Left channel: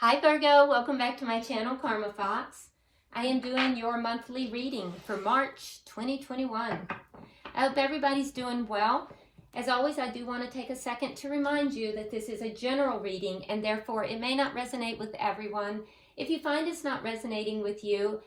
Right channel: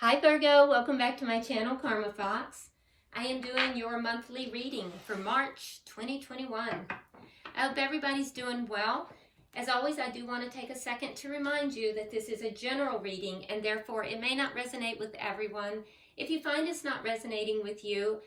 Hi Virgo, welcome back to my channel, Karma Fox. I am doing your monthly reading for March 2021. I hope everybody's doing well. As always, I do want to take a second to remind you that this is a general reading and therefore it may not resonate with everyone. If you find it's not resonating with you,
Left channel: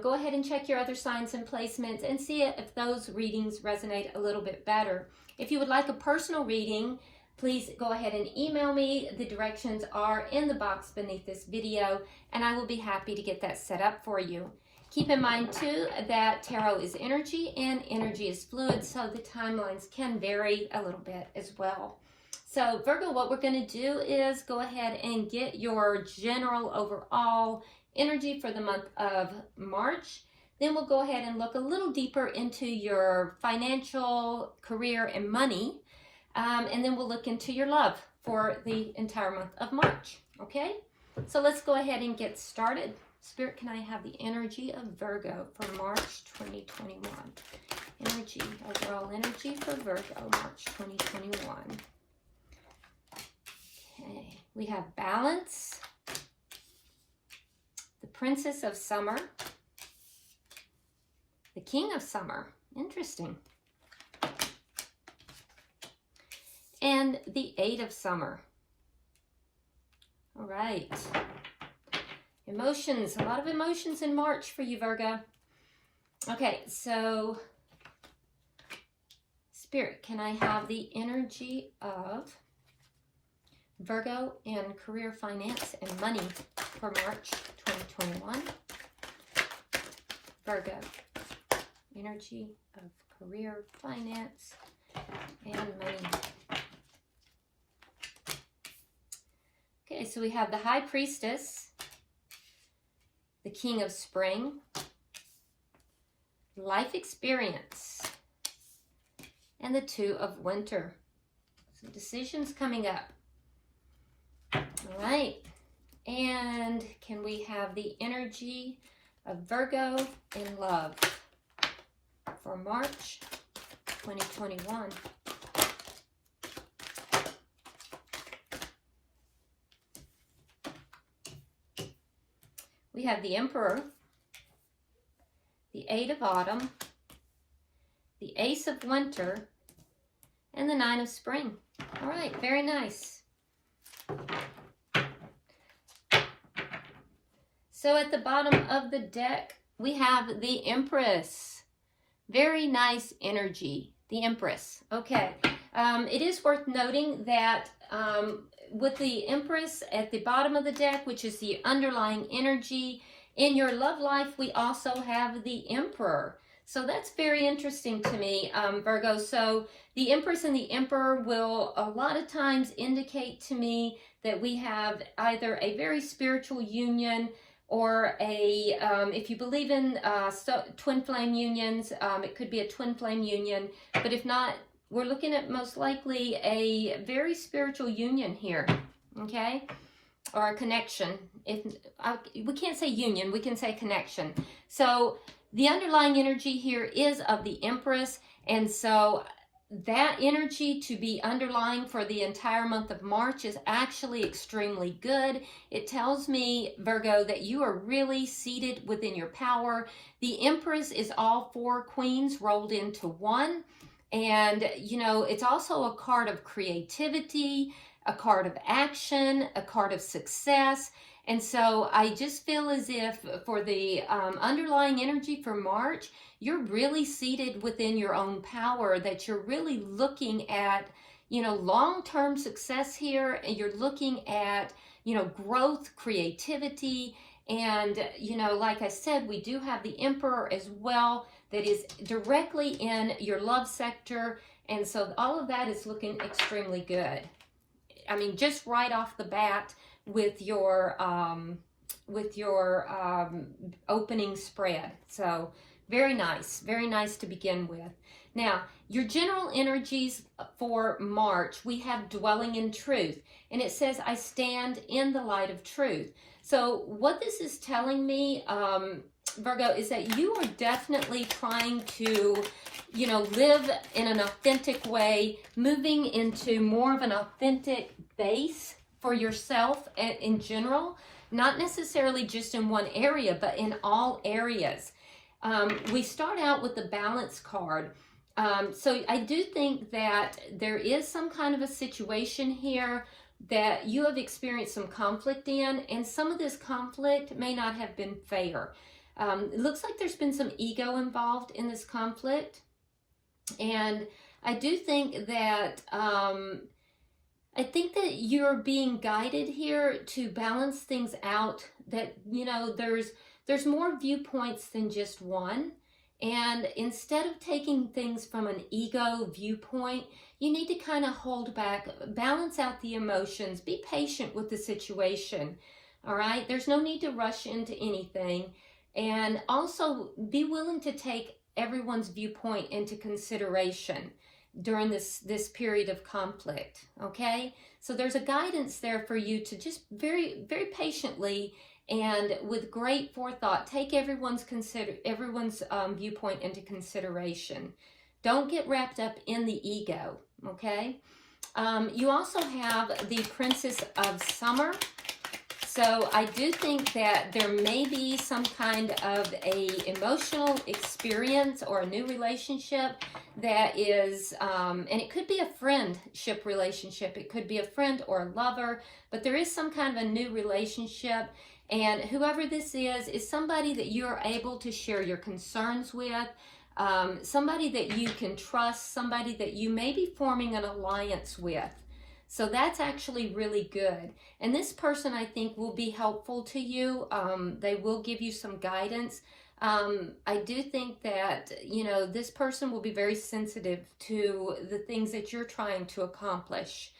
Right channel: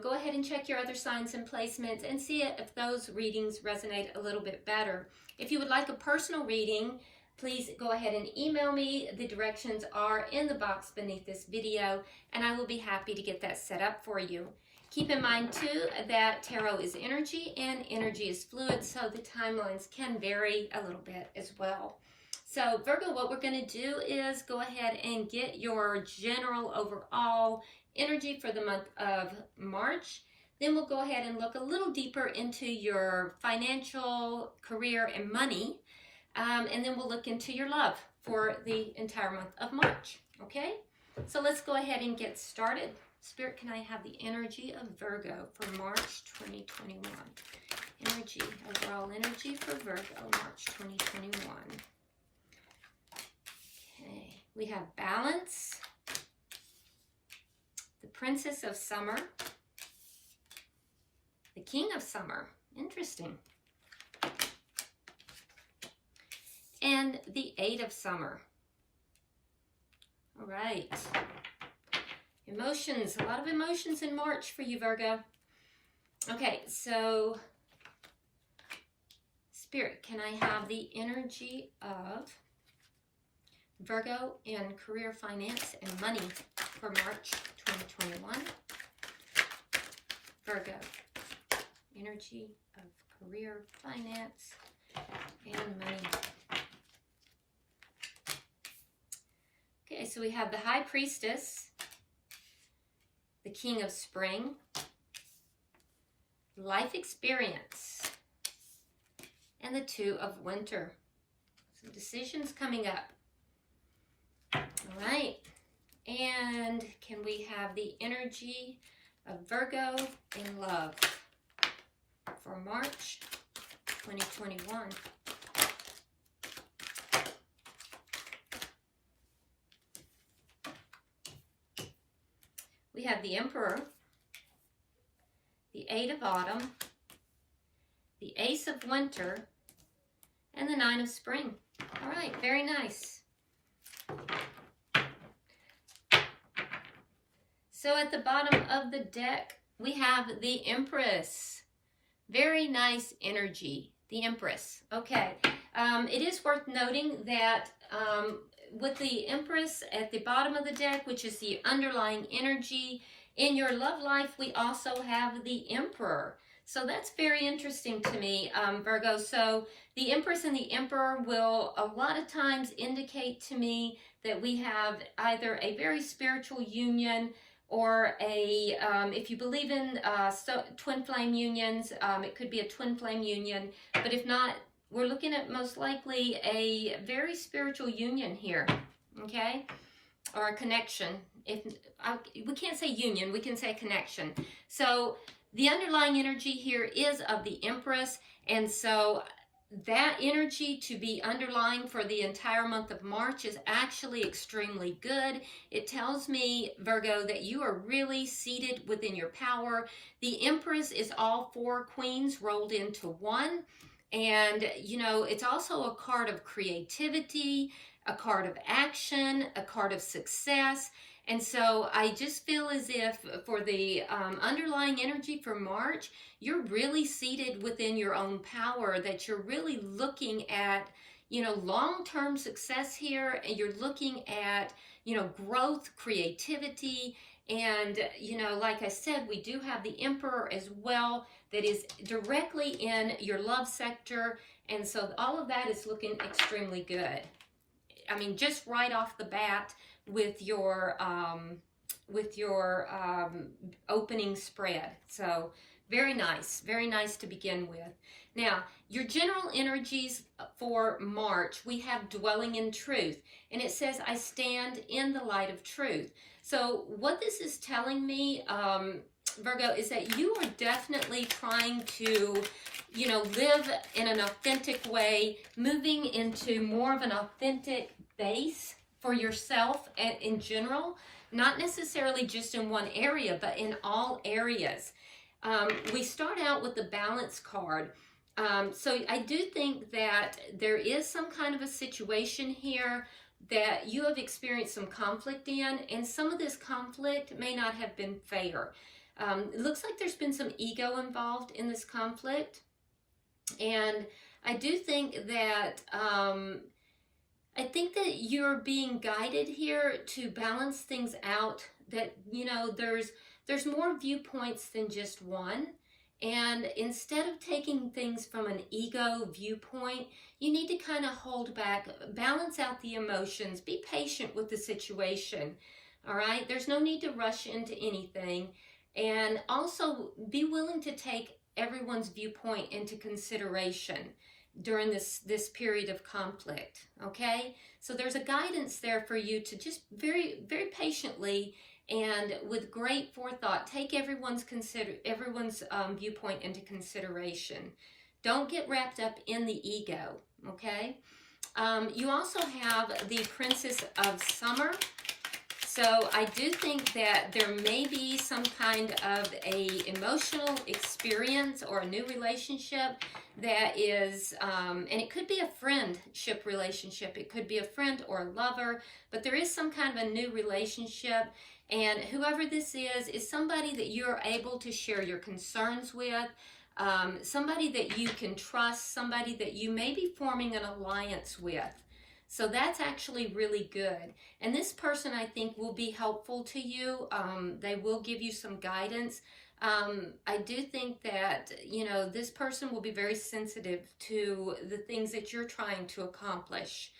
go ahead and check your other signs and placements and see if those readings resonate a little bit better. If you would like a personal reading, please go ahead and email me. The directions are in the box beneath this video, and I will be happy to get that set up for you. Keep in mind, too, that tarot is energy, and energy is fluid, so the timelines can vary a little bit as well. So, Virgo, what we're going to do is go ahead and get your general overall energy for the month of March. Then we'll go ahead and look a little deeper into your financial, career, and money. And then we'll look into your love for the entire month of March, okay? So let's go ahead and get started. Spirit, can I have the energy of Virgo for March 2021? Energy, overall energy for Virgo, March 2021. Okay, we have balance, the Princess of Summer, the King of Summer, interesting. And the Eight of Summer. All right. Emotions. A lot of emotions in March for you, Virgo. Okay, so Spirit, can I have the energy of Virgo in career, finance, and money for March 2021? Virgo. Energy of career, finance, and money. Okay, so we have the High Priestess, the King of Spring, life experience, and the Two of Winter. Some decisions coming up. All right, and can we have the energy of Virgo in love for March 2021? We have the Emperor, the Eight of Autumn, the Ace of Winter, and the Nine of Spring. All right, very nice. So at the bottom of the deck, we have the Empress. Very nice energy, the Empress. Okay, it is worth noting that with the Empress at the bottom of the deck, which is the underlying energy, in your love life, we also have the Emperor. So that's very interesting to me, Virgo. So the Empress and the Emperor will a lot of times indicate to me that we have either a very spiritual union or a, if you believe in twin flame unions, it could be a twin flame union. But if not, we're looking at most likely a very spiritual union here, okay? Or a connection. We can't say union, we can say connection. So the underlying energy here is of the Empress, and so that energy to be underlying for the entire month of March is actually extremely good. It tells me, Virgo, that you are really seated within your power. The Empress is all four queens rolled into one. And, you know, it's also a card of creativity, a card of action, a card of success. And so I just feel as if for the underlying energy for March, you're really seated within your own power, that you're really looking at, you know, long-term success here. And you're looking at, you know, growth, creativity. And, you know, like I said, we do have the Emperor as well, that is directly in your love sector. And so all of that is looking extremely good. I mean, just right off the bat with your opening spread. So very nice to begin with. Now, your general energies for March, we have dwelling in truth. And it says, I stand in the light of truth. So what this is telling me, Virgo, is that you are definitely trying to, you know, live in an authentic way, moving into more of an authentic base for yourself in general, not necessarily just in one area, but in all areas. We start out with the balance card. So I do think that there is some kind of a situation here that you have experienced some conflict in, and some of this conflict may not have been fair. It looks like there's been some ego involved in this conflict, and I do think that I think that you're being guided here to balance things out, that, you know, there's more viewpoints than just one. And instead of taking things from an ego viewpoint, you need to kind of hold back, balance out the emotions, be patient with the situation. All right. There's no need to rush into anything. And also be willing to take everyone's viewpoint into consideration during this period of conflict. Okay. So there's a guidance there for you to just very, very patiently and with great forethought, take everyone's viewpoint into consideration. Don't get wrapped up in the ego, okay? You also have the Princess of Summer. So I do think that there may be some kind of a emotional experience or a new relationship that is, and it could be a friendship relationship. It could be a friend or a lover, but there is some kind of a new relationship. And whoever this is somebody that you're able to share your concerns with, somebody that you can trust, somebody that you may be forming an alliance with. So that's actually really good. And this person, I think, will be helpful to you. They will give you some guidance. I do think that, you know, this person will be very sensitive to the things that you're trying to accomplish.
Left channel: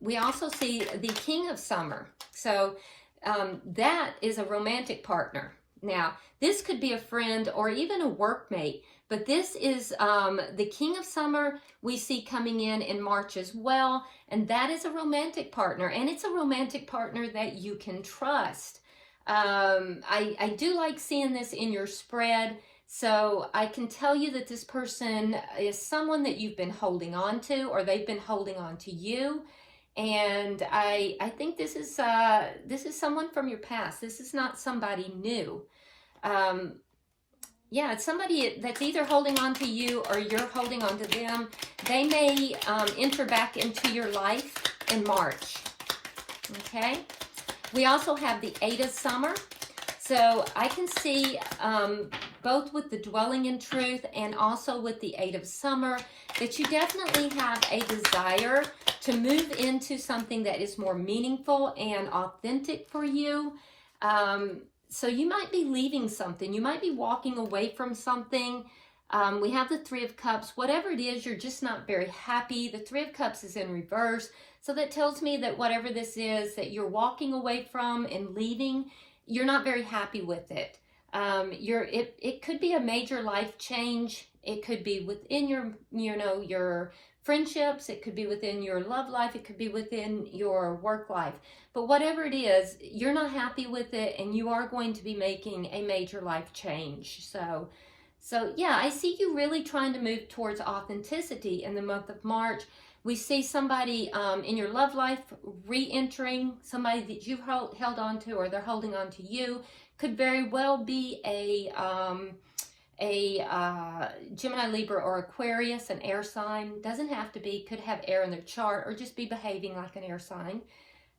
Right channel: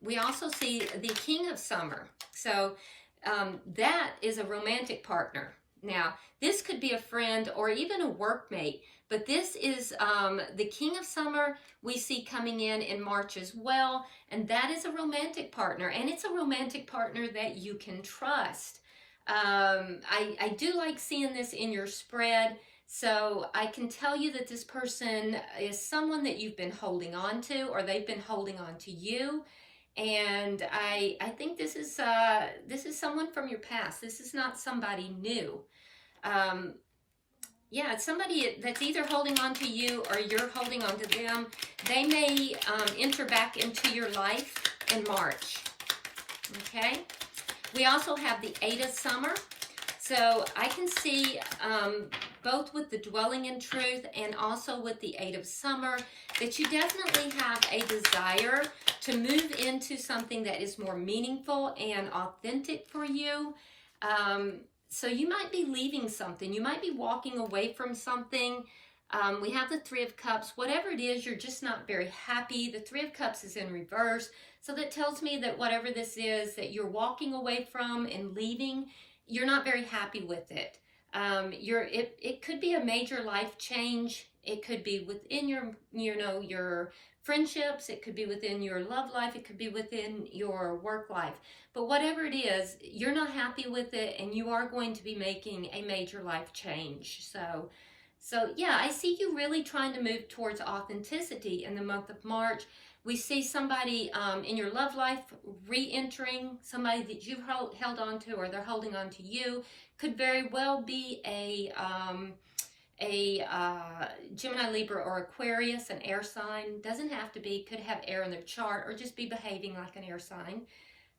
We also see the King of Summer. So that is a romantic partner. Now, this could be a friend or even a workmate, but this is the King of Summer we see coming in March as well, and that is a romantic partner, and it's a romantic partner that you can trust. I do like seeing this in your spread, so I can tell you that this person is someone that you've been holding on to, or they've been holding on to you. And I think this is someone from your past. This is not somebody new. Yeah, it's somebody that's either holding on to you or you're holding on to them. They may enter back into your life in March. Okay. We also have the Eight of Summer. So I can see both with the Dwelling in Truth and also with the Eight of Summer that you definitely have a desire to move into something that is more meaningful and authentic for you. So you might be leaving something. You might be walking away from something. We have the Three of Cups. Whatever it is, you're just not very happy. The Three of Cups is in reverse. So that tells me that whatever this is that you're walking away from and leaving, you're not very happy with it. It could be a major life change. It could be within your friendships. It could be within your love life. It could be within your work life. But whatever it is, you're not happy with it, and you are going to be making a major life change. So yeah, I see you really trying to move towards authenticity in the month of March. We see somebody in your love life re-entering, somebody that you've held on to or they're holding on to you. Could very well be a Gemini, Libra, or Aquarius, an air sign. Doesn't have to be, could have air in their chart or just be behaving like an air sign.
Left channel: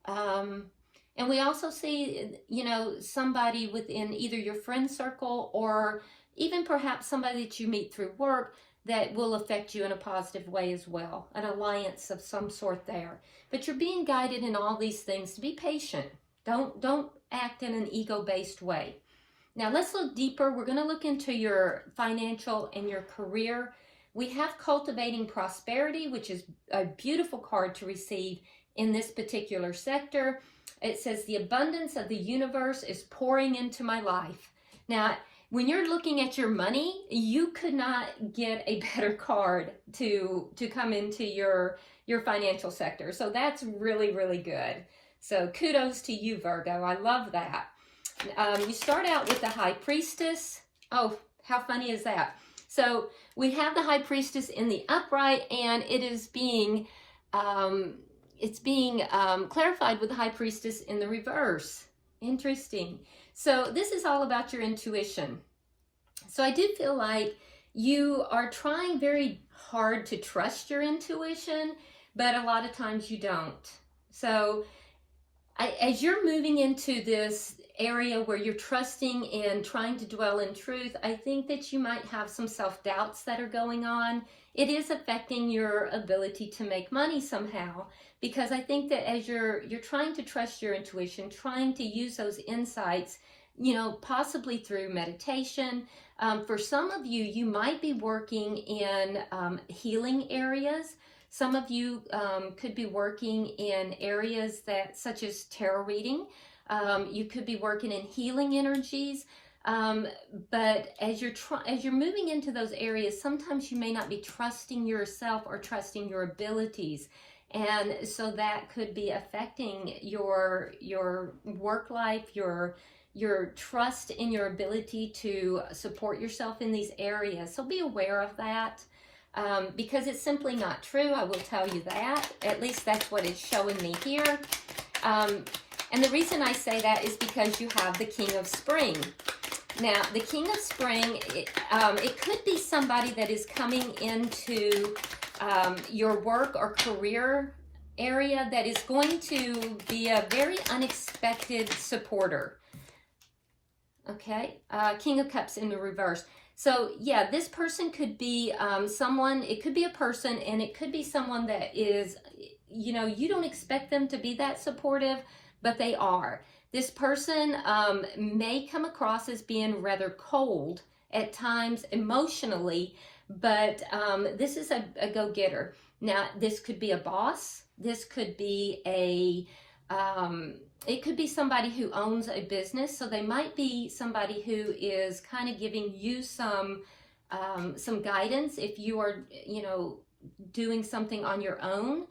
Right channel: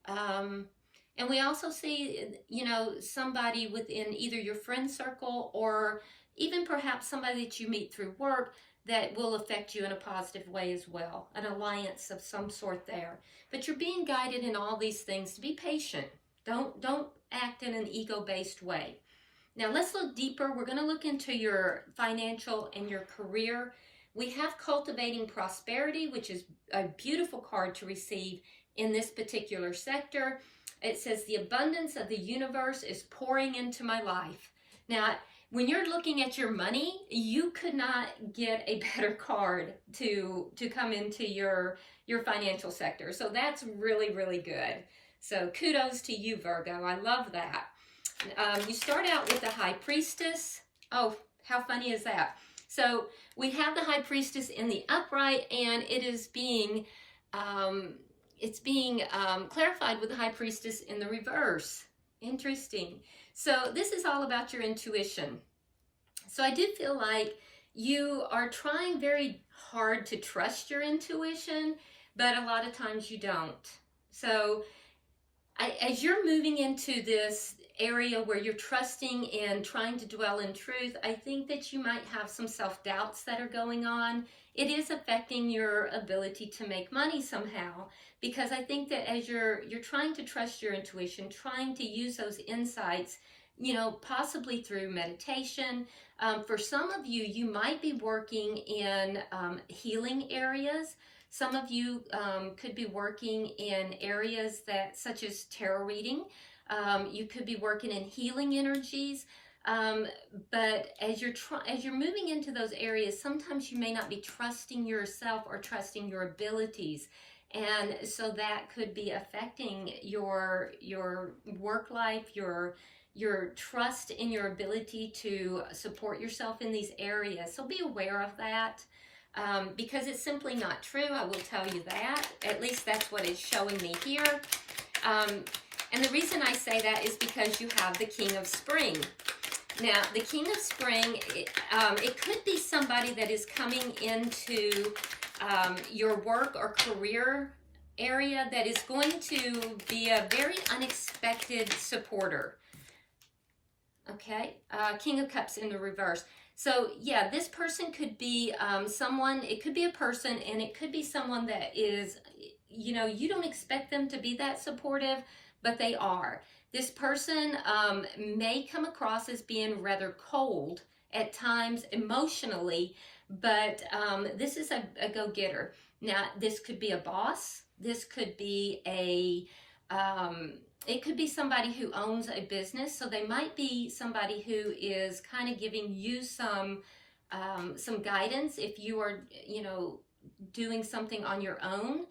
And we also see, you know, somebody within either your friend circle or even perhaps somebody that you meet through work that will affect you in a positive way as well. An alliance of some sort there. But you're being guided in all these things to be patient. Don't act in an ego-based way. Now let's look deeper. We're going to look into your financial and your career. We have Cultivating Prosperity, which is a beautiful card to receive in this particular sector. It says, the abundance of the universe is pouring into my life. Now, when you're looking at your money, you could not get a better card to come into your financial sector. So that's really, really good. So kudos to you, Virgo. I love that. You start out with the High Priestess. Oh, how funny is that? So we have the High Priestess in the upright, and it is being, it's being clarified with the High Priestess in the reverse. Interesting. So this is all about your intuition. So I do feel like you are trying very hard to trust your intuition, but a lot of times you don't. So as you're moving into this area where you're trusting and trying to dwell in truth, I think that you might have some self-doubts that are going on. It is affecting your ability to make money somehow, because I think that as you're trying to trust your intuition, trying to use those insights, you know, possibly through meditation. For some of you, you might be working in healing areas. Some of you could be working in areas that, such as tarot reading. You could be working in healing energies. But as you're moving into those areas, sometimes you may not be trusting yourself or trusting your abilities. And so that could be affecting your work life, your trust in your ability to support yourself in these areas. So be aware of that, because it's simply not true. I will tell you that. At least that's what it's showing me here. And the reason I say that is because you have the King of Spring. Now, the King of Spring, it could be somebody that is coming into your work or career area that is going to be a very unexpected supporter. Okay, King of Cups in the reverse. So yeah, this person could be someone, it could be a person, and it could be someone that is, you know, you don't expect them to be that supportive, but they are. This person may come across as being rather cold at times emotionally, but this is a go-getter. Now, this could be a boss. This could be it could be somebody who owns a business. So they might be somebody who is kind of giving you some guidance if you are, you know, doing something on your own,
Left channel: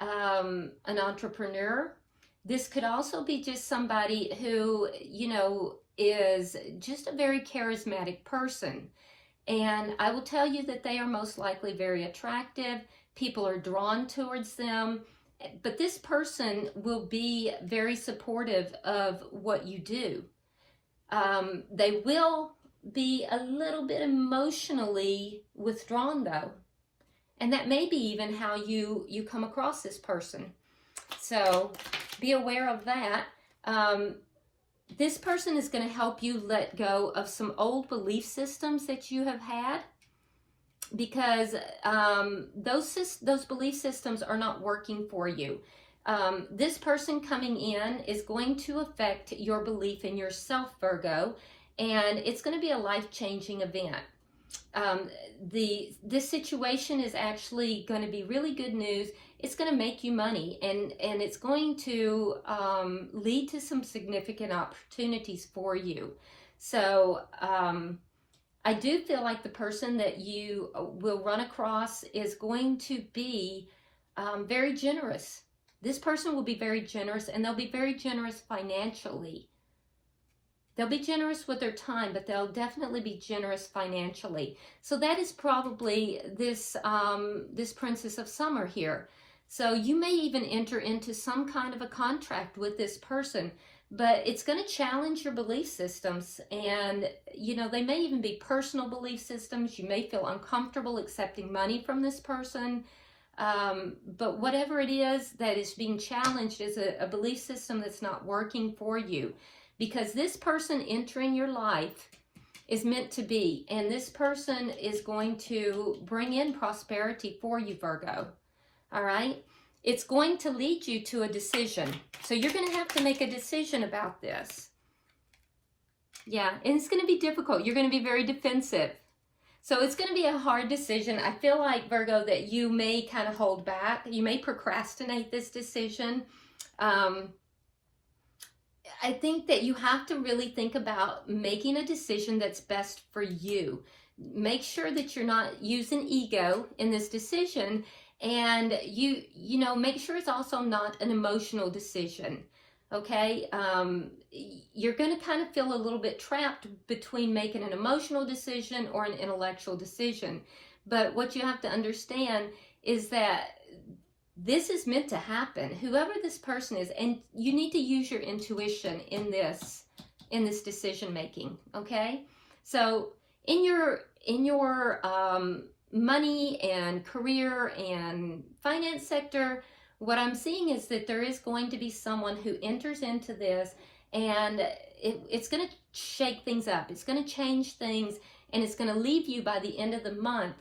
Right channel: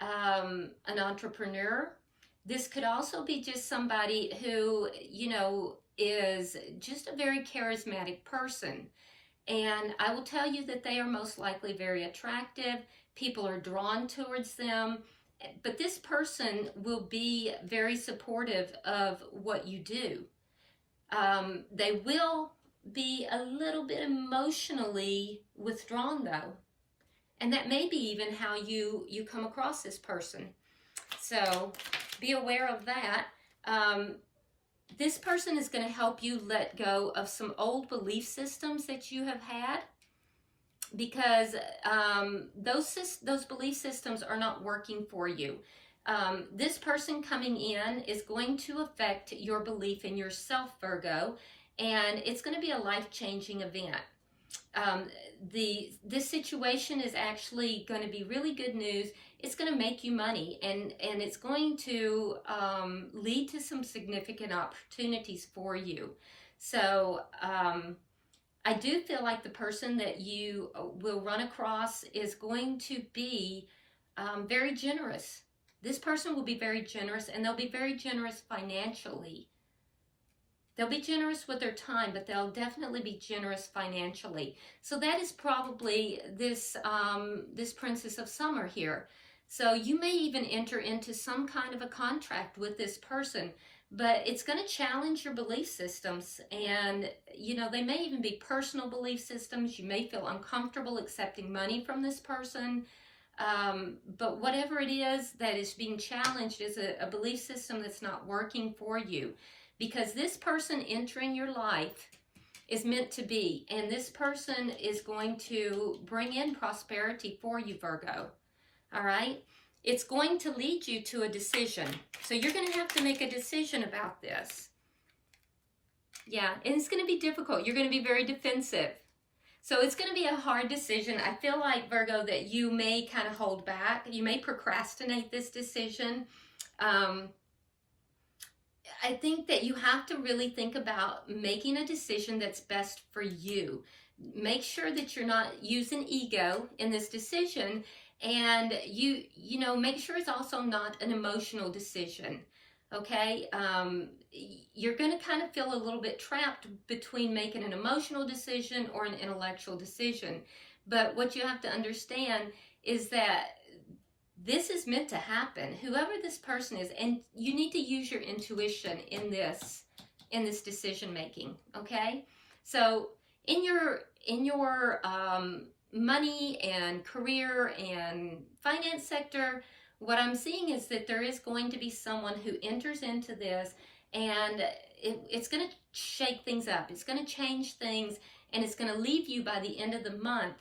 an entrepreneur. This could also be just somebody who, you know, is just a very charismatic person. And I will tell you that they are most likely very attractive. People are drawn towards them. But this person will be very supportive of what you do. They will be a little bit emotionally withdrawn, though. And that may be even how you come across this person. So be aware of that. This person is going to help you let go of some old belief systems that you have had, because those belief systems are not working for you. This person coming in is going to affect your belief in yourself, Virgo, and it's going to be a life-changing event. This situation is actually going to be really good news. It's going to make you money, and it's going to lead to some significant opportunities for you. So I do feel like the person that you will run across is going to be very generous. This person will be very generous, and they'll be very generous financially. They'll be generous with their time, but they'll definitely be generous financially. So that is probably this Princess of Summer here. So you may even enter into some kind of a contract with this person, but it's going to challenge your belief systems. And, you know, they may even be personal belief systems. You may feel uncomfortable accepting money from this person. But whatever it is that is being challenged is a belief system that's not working for you. Because this person entering your life is meant to be. And this person is going to bring in prosperity for you, Virgo. All right? It's going to lead you to a decision. So you're going to have to make a decision about this. Yeah, and it's going to be difficult. You're going to be very defensive. So it's going to be a hard decision. I feel like, Virgo, that you may kind of hold back. You may procrastinate this decision. I think that you have to really think about making a decision that's best for you. Make sure that you're not using ego in this decision, and you know, make sure it's also not an emotional decision. Okay, you're going to kind of feel a little bit trapped between making an emotional decision or an intellectual decision. But what you have to understand is that this is meant to happen, whoever this person is, and you need to use your intuition in this decision making. Okay, so in your money and career and finance sector, what I'm seeing is that there is going to be someone who enters into this, and it's going to shake things up. It's going to change things, and it's going to leave you by the end of the month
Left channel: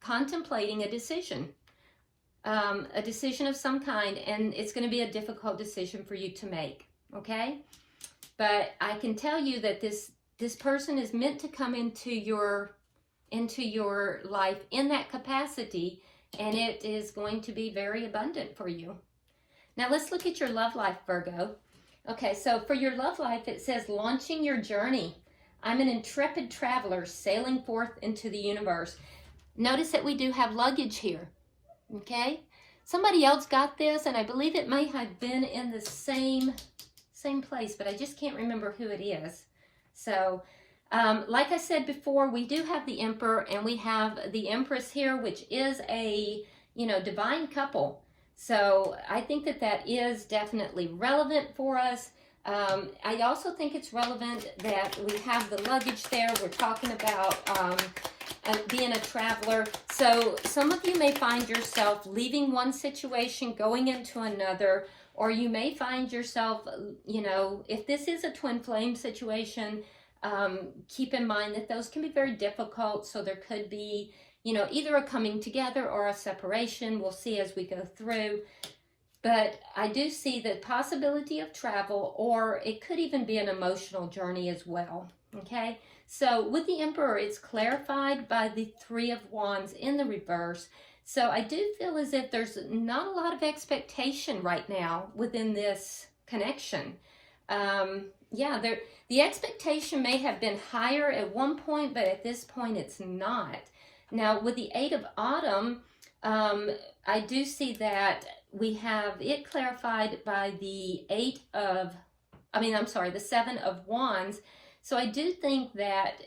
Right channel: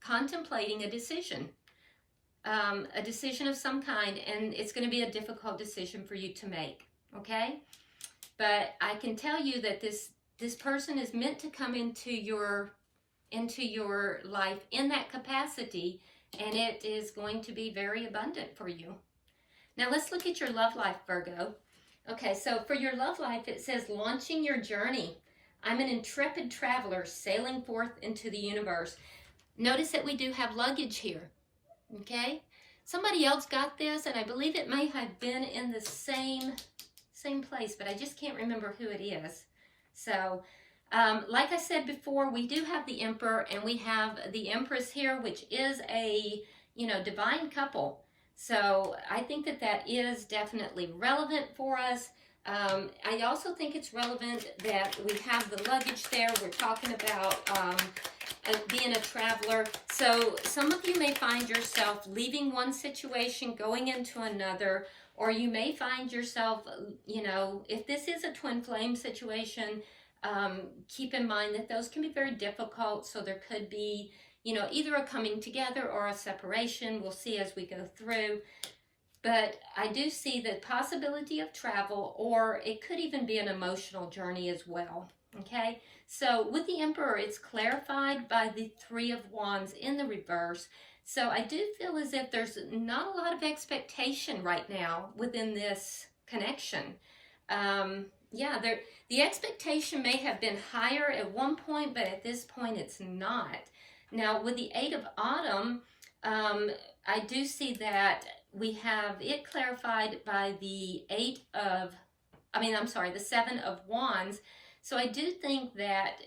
contemplating a decision of some kind, and it's going to be a difficult decision for you to make. Okay, but I can tell you that this person is meant to come into your life in that capacity, and it is going to be very abundant for you. Now let's look at your love life, Virgo. Okay, so for your love life, it says, launching your journey. I'm an intrepid traveler sailing forth into the universe. Notice that we do have luggage here. Okay, somebody else got this, and I believe it may have been in the same place, but I just can't remember who it is. So like I said before, we do have the Emperor, and we have the Empress here, which is a, divine couple. So I think that is definitely relevant for us. I also think it's relevant that we have the luggage there. We're talking about being a traveler. So some of you may find yourself leaving one situation, going into another, or you may find yourself, if this is a twin flame situation, keep in mind that those can be very difficult. So there could be, either a coming together or a separation. We'll see as we go through. But I do see the possibility of travel, or it could even be an emotional journey as well. Okay, so with the Emperor, it's clarified by the Three of Wands in the reverse. So I do feel as if there's not a lot of expectation right now within this connection. The expectation may have been higher at one point, but at this point it's not. Now with the Eight of Autumn, I do see that we have it clarified by the the Seven of Wands. So I do think that,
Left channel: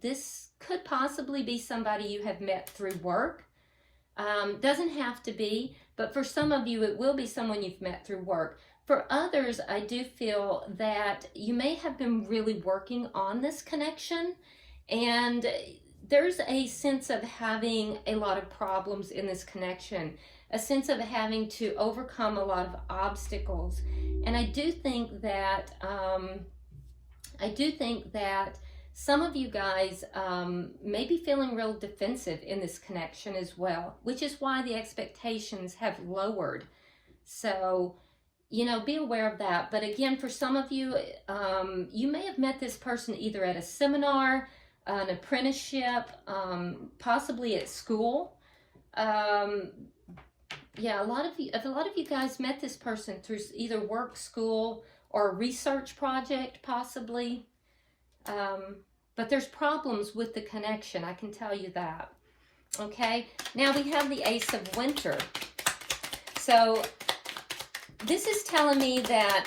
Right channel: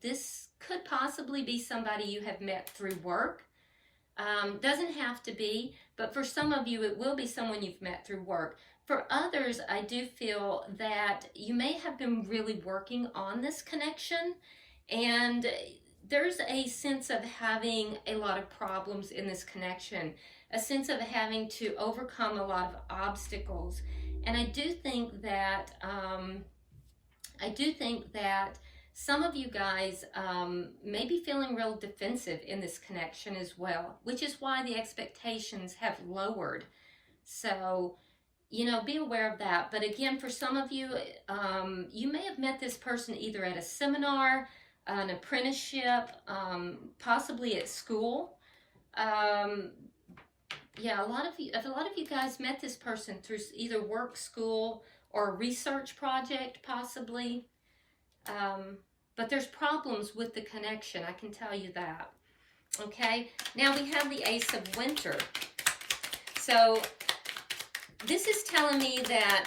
this could possibly be somebody you have met through work. Doesn't have to be, but for some of you, it will be someone you've met through work. For others, I do feel that you may have been really working on this connection, and there's a sense of having a lot of problems in this connection, a sense of having to overcome a lot of obstacles. And I do think that some of you guys may be feeling real defensive in this connection as well, which is why the expectations have lowered. So, be aware of that. But again, for some of you, you may have met this person either at a seminar, an apprenticeship, possibly at school. A lot of you guys met this person through either work, school, or a research project, possibly. But there's problems with the connection, I can tell you that. Okay, now we have the Ace of Winter. So this is telling me that,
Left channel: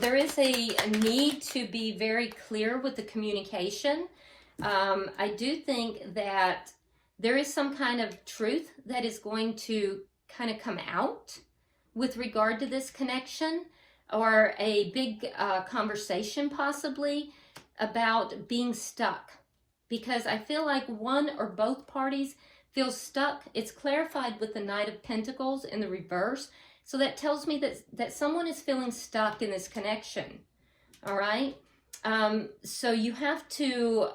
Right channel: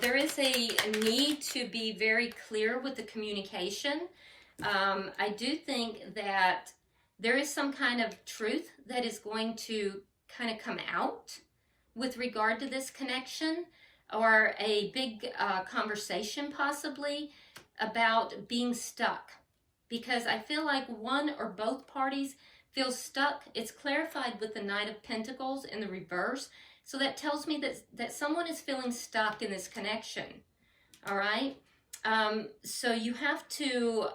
there is a need to be very clear with the communication. I do think that there is some kind of truth that is going to kind of come out with regard to this connection, or a big conversation possibly about being stuck, because I feel like one or both parties feel stuck. It's clarified with the Knight of Pentacles in the reverse. So that tells me that someone is feeling stuck in this connection. All right. So you have to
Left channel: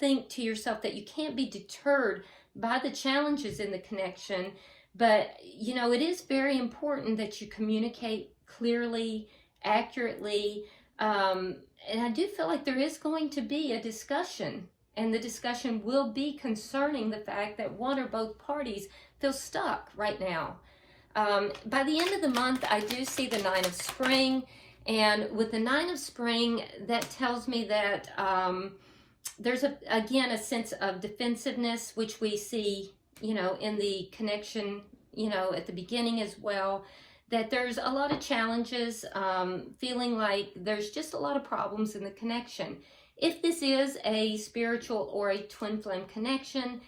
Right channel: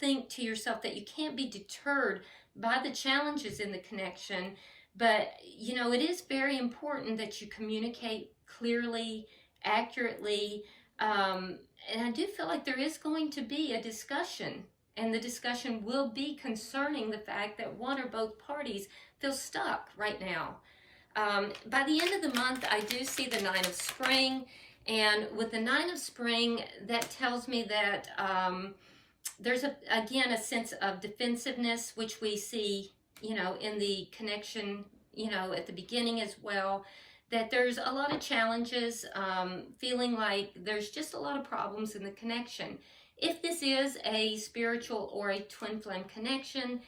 think to yourself that you can't be deterred by the challenges in the connection, but it is very important that you communicate clearly, accurately, and I do feel like there is going to be a discussion, and the discussion will be concerning the fact that one or both parties feel stuck right now. By the end of the month, I do see the Nine of Spring, and with the Nine of Spring, that tells me that there's again a sense of defensiveness, which we see, in the connection, at the beginning as well, that there's a lot of challenges, feeling like there's just a lot of problems in the connection. If this is a spiritual or a twin flame connection,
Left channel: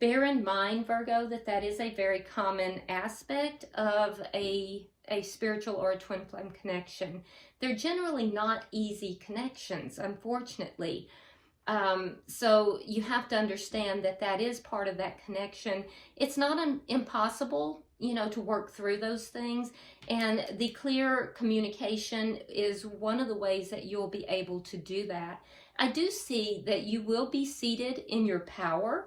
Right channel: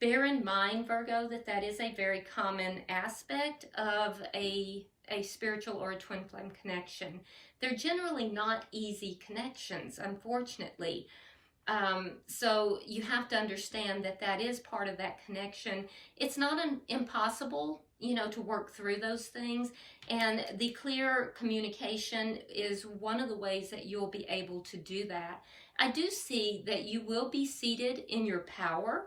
bear in mind, Virgo, that that is a very common aspect of a spiritual or a twin flame connection. They're generally not easy connections, unfortunately. So you have to understand that that is part of that connection. It's not impossible, you know, to work through those things. And the clear communication is one of the ways that you'll be able to do that. I do see that you will be seated in your power,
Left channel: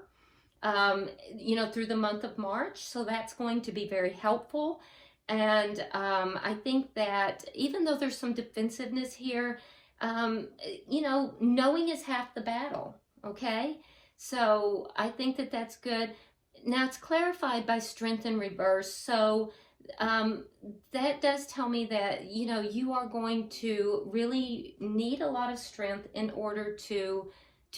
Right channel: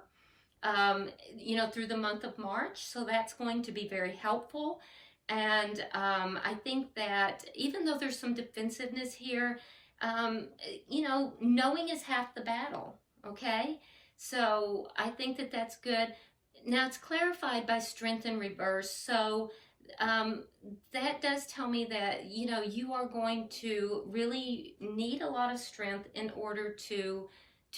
you know, through the month of March. So that's going to be very helpful. And I think that even though there's some defensiveness here, you know, knowing is half the battle, okay? So I think that that's good. Now it's clarified by strength in reverse. So that does tell me that, you know, you are going to really need a lot of strength in order to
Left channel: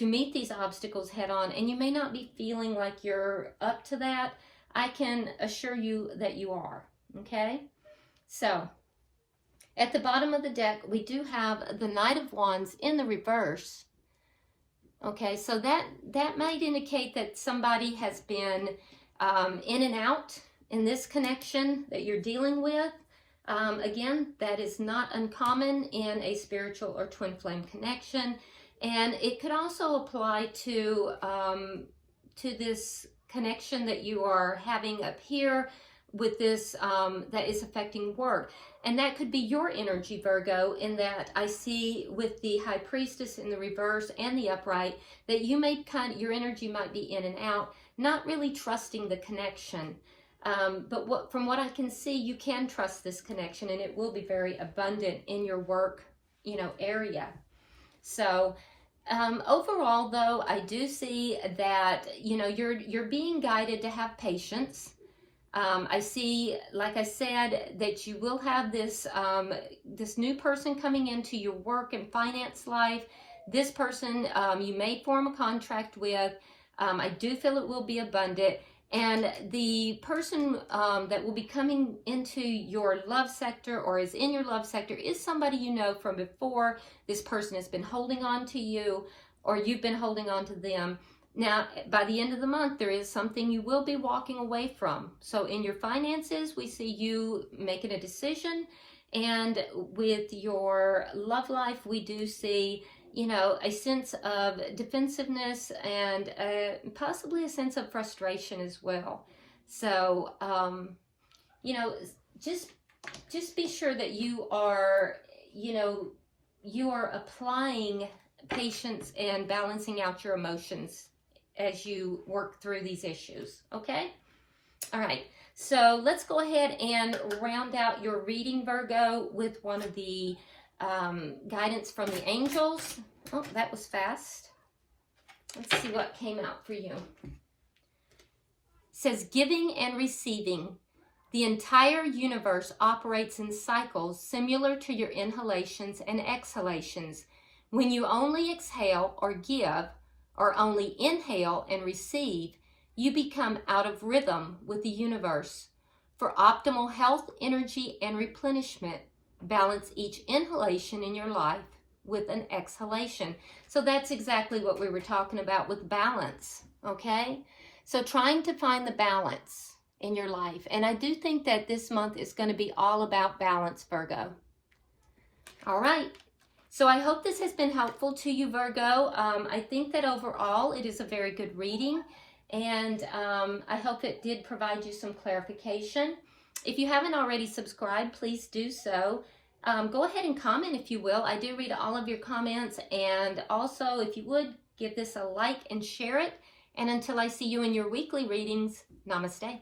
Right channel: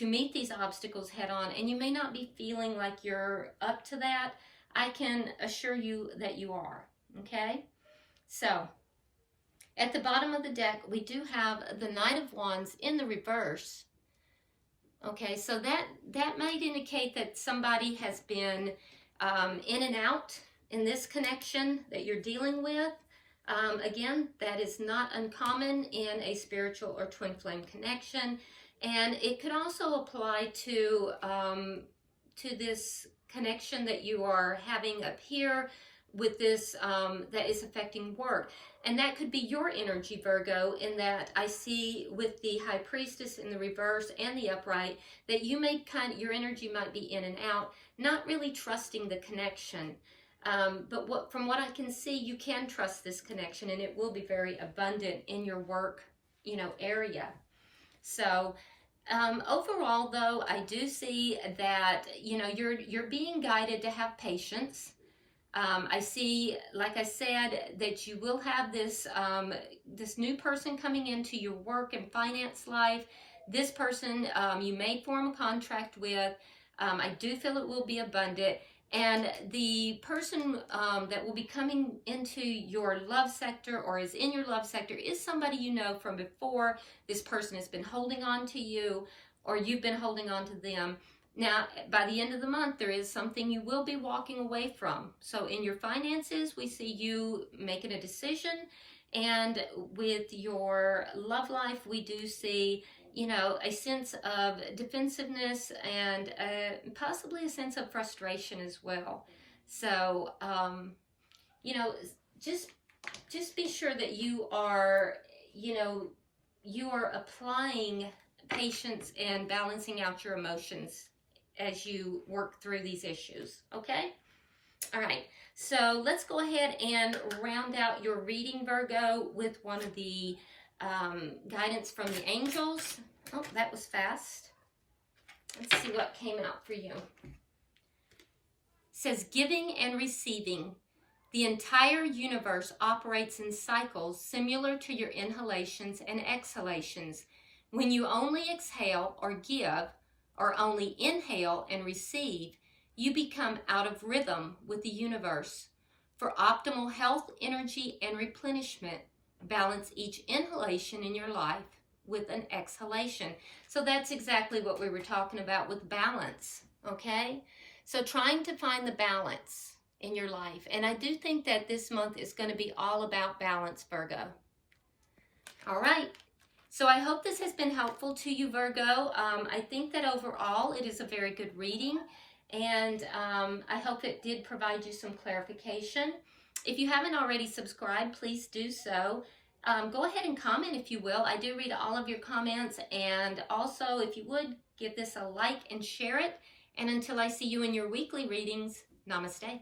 meet these obstacles head on. And you may not be feeling like you're up to that. I can assure you that you are, okay? So at the bottom of the deck, we do have the Knight of Wands in the reverse. Okay, so that might indicate that somebody has been in and out in this connection that you're dealing with. Again, that is not uncommon in a spiritual or twin flame connection. And it could also apply to this connection that you are having up here with this that is affecting work. And that could be your energy, Virgo, in that I see with the High Priestess in the reverse and the upright that you may your energy might be in and out, not really trusting the connection. But from what I can see, you can trust this connection, and it will be very abundant in your work, you know, area. So overall, though, I do see that, you know, you're being guided to have patience. I see, like I said, that you will have this this new person coming into your work and finance life. This person you may form a contract with. I do feel it will be abundant. And the person that will be coming into your love sector or is in your love sector is somebody you know from before. This person has been holding on to you, or you've been holding on to them. Now, by the end of the month, there is something you will be walking away from. So in your finances, we see you making a decision. And with your love life, we do see, you know, a sense of defensiveness and possibly a sense of frustration as well. So, you know, just be sure that you are, you know, you are applying patience and balancing out your emotions as you work through these issues, okay? All right, so let's go ahead and round out your reading, Virgo, with one of the guidance from the angels. Oh, that was fast. Let's see what came out for you. It says, giving and receiving. The entire universe operates in cycles similar to your inhalations and exhalations. When you only exhale or give, or only inhale and receive, you become out of rhythm with the universe. For optimal health, energy, and replenishment, balance each inhalation in your life with an exhalation. So that's exactly what we were talking about with balance, okay? So trying to find the balance in your life. And I do think that this month is going to be all about balance, Virgo. All right. So I hope this has been helpful to you, Virgo. I think that overall it is a very good reading, and I hope it did provide you some clarification. If you haven't already subscribed, please do so. Go ahead and comment if you will. I do read all of your comments, and also if you would, give this a like and share it. And until I see you in your weekly readings, namaste.